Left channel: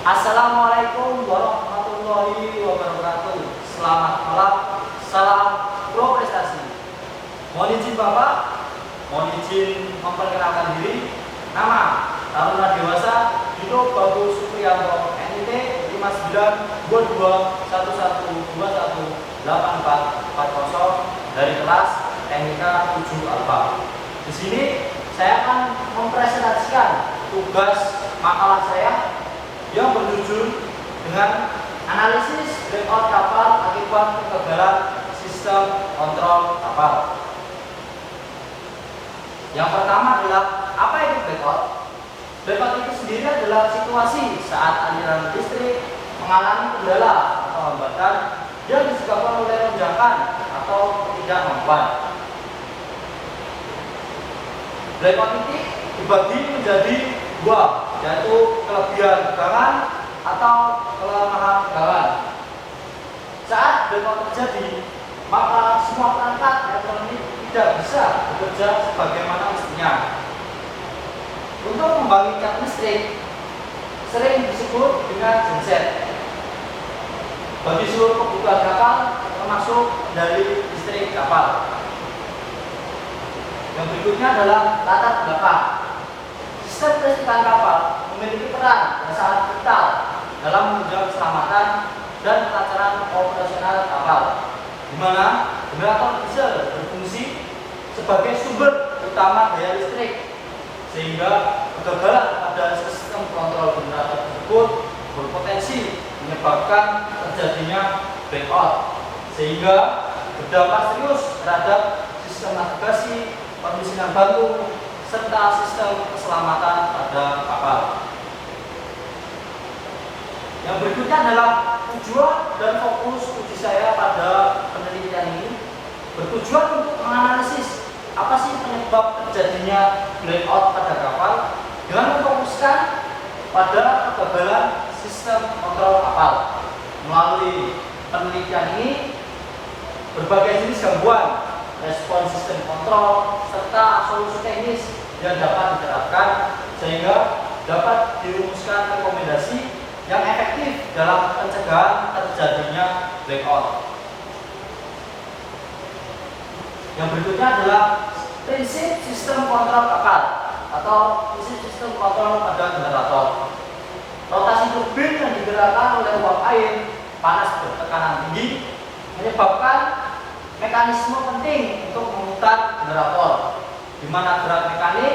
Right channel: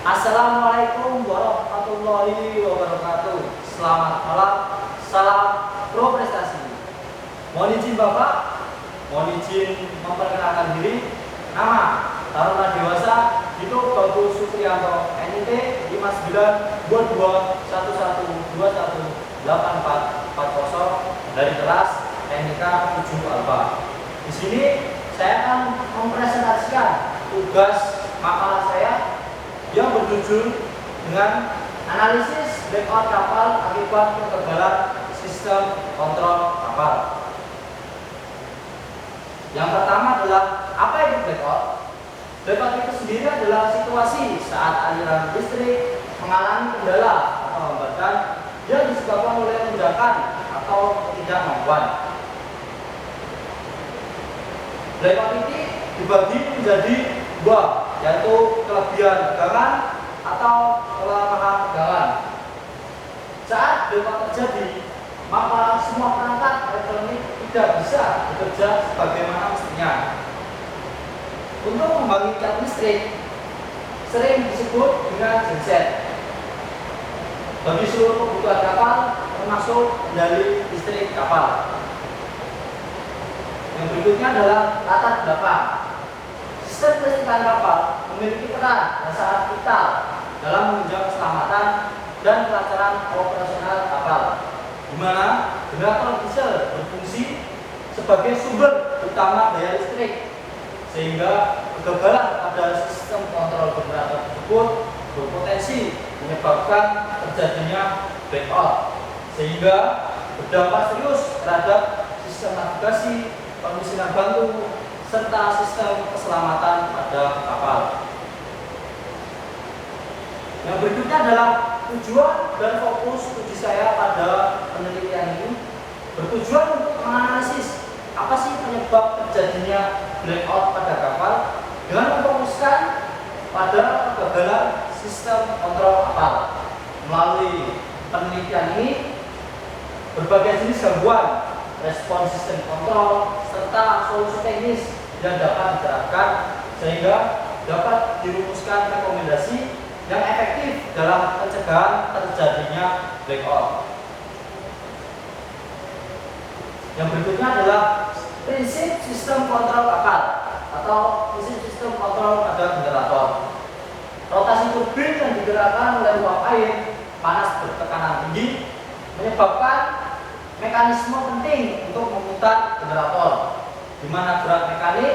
Assalamualaikum warahmatullahi wabarakatuh. Selamat malam, salam pro prestasi. Mohon izin Bapak, mohon izin memperkenalkan diri. Nama Taruna Dewasa Dito Bagus Supriyanto, NIT 59 dari kelas NIK 7 Alfa. Di sini saya akan mempresentasikan tugas makalah saya yang berjudul dengan analisis blackout kapal akibat kegagalan sistem kontrol kapal. Yang pertama adalah apa itu blackout? Blackout itu sendiri adalah situasi saat aliran listrik mengalami kendala atau hambatan yang disebabkan oleh lonjakan atau ketidakmampuan. Blackout ini dibagi menjadi dua, yaitu kelebihan tegangan atau kelemahan tegangan. Saat blackout terjadi, maka semua perangkat elektronik tidak bisa bekerja sebagaimana mestinya. Untuk membangkitkan listrik sering disebut dengan genset. Bagi seluruh kebutuhan kapal, termasuk kendali listrik kapal. Yang berikutnya adalah latar belakang. Sistem kelistrikan kapal memiliki peran yang sangat vital dalam menunjang keselamatan dan kelancaran operasional kapal, di mana generator diesel berfungsi sebagai sumber utama daya listrik, sehingga kegagalan pada sistem kontrol generator tersebut berpotensi menyebabkan terjadinya blackout, sehingga berdampak serius terhadap sistem navigasi, pemisinan bantu, serta sistem keselamatan pada kapal. Yang berikutnya adalah tujuan dan fokus uji saya pada penelitian ini bertujuan untuk menganalisis apa sih penyebab terjadinya blackout pada kapal dengan memfokuskan pada kegagalan sistem kontrol kapal. Melalui penelitian ini, berbagai jenis gangguan, respon sistem kontrol, serta solusi teknis yang dapat diterapkan sehingga dapat dirumuskan rekomendasi yang efektif dalam pencegahan terjadinya blackout. Yang berikutnya adalah prinsip sistem kontrol kapal atau prinsip sistem kontrol pada generator. Rotasi turbin yang digerakkan oleh uap air panas bertekanan tinggi menyebabkan mekanisme penting untuk memutar generator, di mana gerak mekanik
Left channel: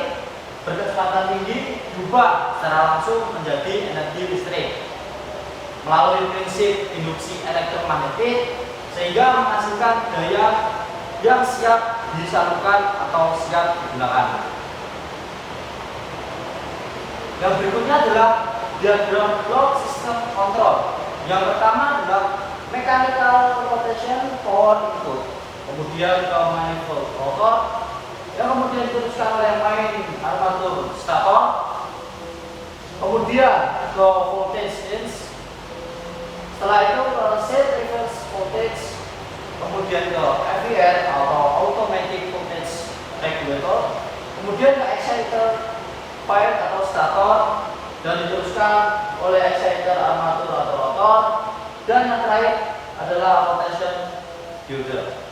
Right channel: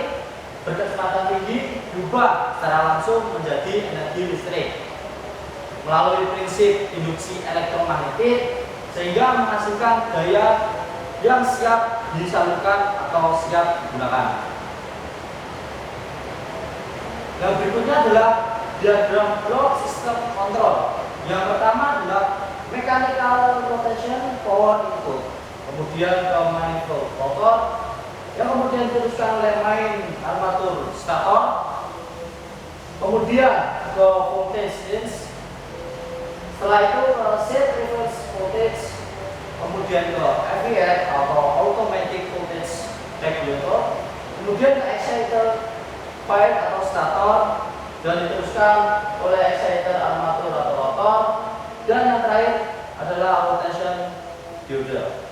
berkecepatan tinggi diubah secara langsung menjadi energi listrik melalui prinsip induksi elektromagnetik, sehingga menghasilkan daya yang siap disalurkan atau siap digunakan. Yang berikutnya adalah diagram block sistem kontrol. Yang pertama adalah mechanical rotation power input, kemudian ke manifold rotor, yang kemudian diteruskan oleh main armatur stator, kemudian ke voltage range, setelah itu set reverse voltage, kemudian ke AVR atau automatic voltage regulator, kemudian ke exciter pipe atau stator, dan diteruskan oleh exciter armatur atau rotor, dan yang terakhir adalah rotation diode.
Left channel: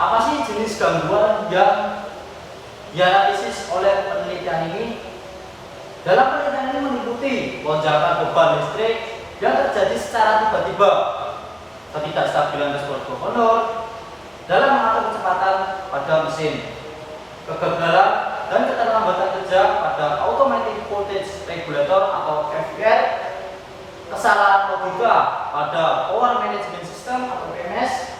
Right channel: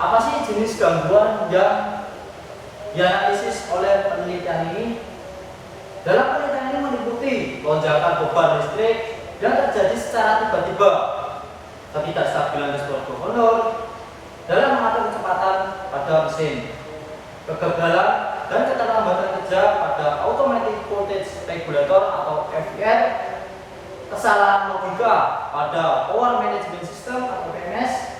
Apa sih jenis gangguan yang dianalisis oleh penelitian ini? Dalam penelitian ini meliputi lonjakan beban listrik yang terjadi secara tiba-tiba, ketidakstabilan dashboard governor dalam mengatur kecepatan pada mesin, kegagalan dan keterlambatan kerja pada automatic voltage regulator atau AVR, kesalahan logika pada power management system atau PMS,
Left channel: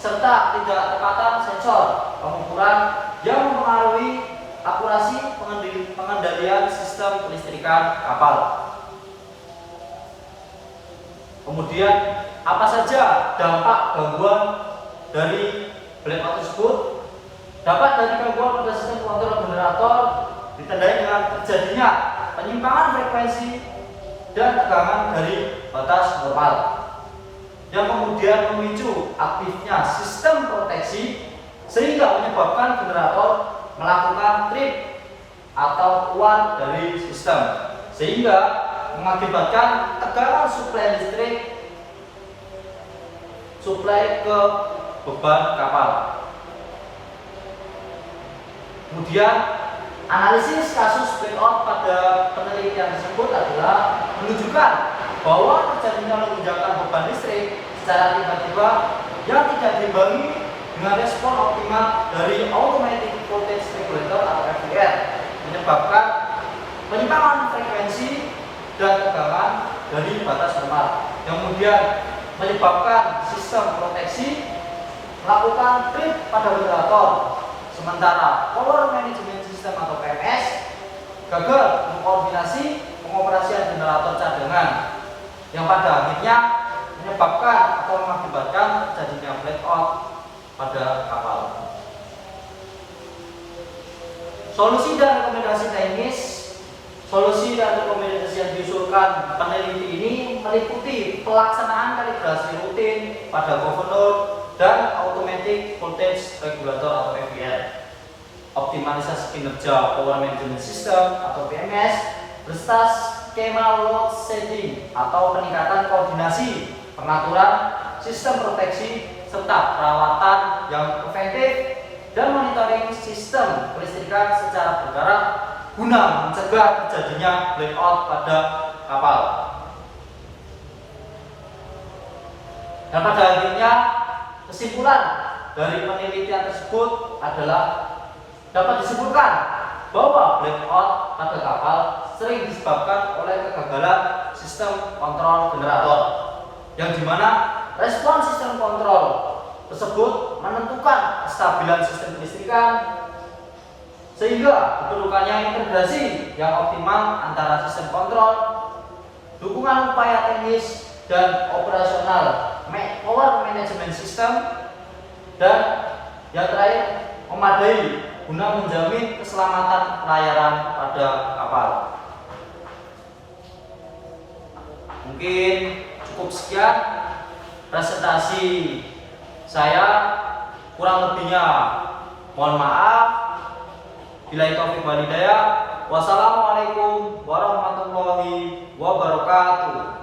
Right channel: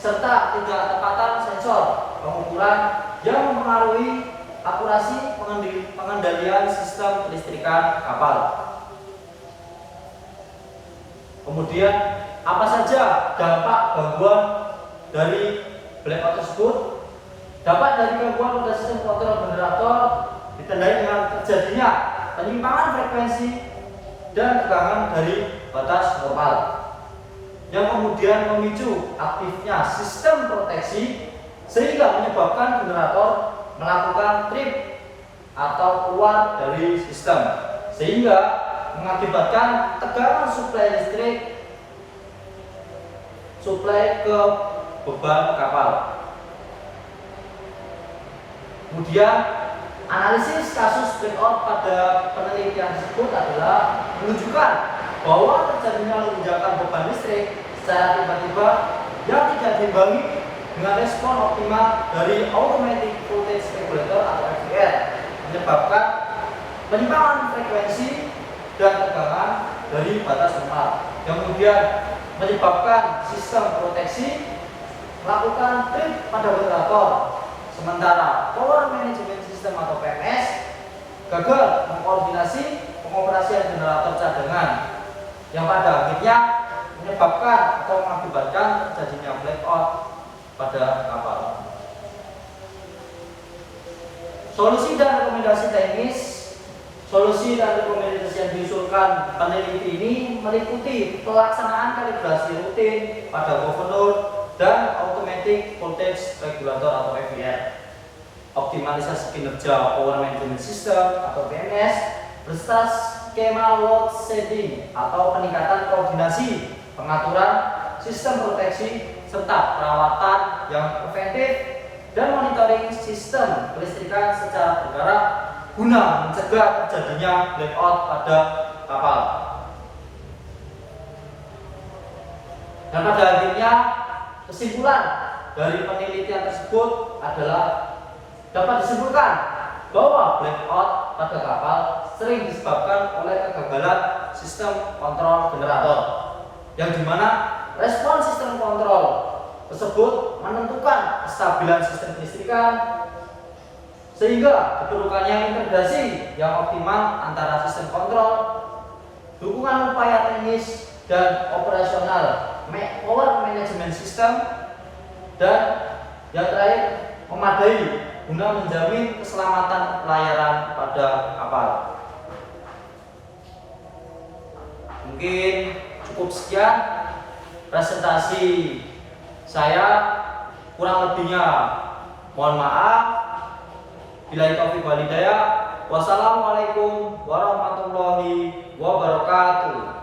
serta ketidaktepatan sensor pengukuran yang mempengaruhi akurasi pengendalian sistem kelistrikan kapal. Kemudian, apa saja dampak gangguan dari blackout tersebut? Dapat dari gangguan pada sistem kontrol generator ditandai dengan terjadinya penyimpangan frekuensi dan tegangan dari batas normal, yang kemudian memicu aktifnya sistem proteksi sehingga menyebabkan generator melakukan trip atau keluar dari sistem, sehingga mengakibatkan tekanan suplai ke beban kapal. Kemudian analisis kasus blackout pada penelitian tersebut adalah menunjukkan bahwa terjadinya lonjakan beban listrik secara tiba-tiba yang tidak diimbangi dengan respon optimal dari automatic voltage regulator atau AVR, menyebabkan penyimpangan frekuensi dan tegangan dari batas normal, yang kemudian menyebabkan sistem proteksi melakukan trip pada generator, sementara power management system atau PMS gagal mengkoordinasi pengoperasian generator cadangan, yang pada akhirnya menyebabkan atau mengakibatkan terjadinya blackout pada kapal. Solusi dan rekomendasi teknis. Solusi dan rekomendasi yang diusulkan peneliti ini meliputi pelaksanaan kalibrasi rutin pada governor dan automatic voltage regulator atau AVR, optimalisasi kinerja power management system atau PMS, beserta skema load setting atau peningkatan koordinasi pengaturan sistem proteksi serta perawatan yang preventif dan monitoring sistem kelistrikan secara berkala guna mencegah terjadinya blackout pada kapal. Dan pada akhirnya kesimpulan dari penelitian tersebut adalah dapat disimpulkan bahwa blackout pada kapal sering disebabkan oleh kegagalan sistem kontrol generator, yang dimana respon sistem kontrol tersebut menentukan kestabilan sistem kelistrikan, sehingga diperlukannya integrasi yang optimal antara sistem kontrol, dukungan upaya teknis dan operasional power management system, dan yang terakhir memadai guna menjamin keselamatan pelayaran pada kapal. Mungkin cukup sekian presentasi saya, kurang lebihnya mohon maaf. Billahi taufiq wal hidayah. Wassalamualaikum warahmatullahi wabarakatuh.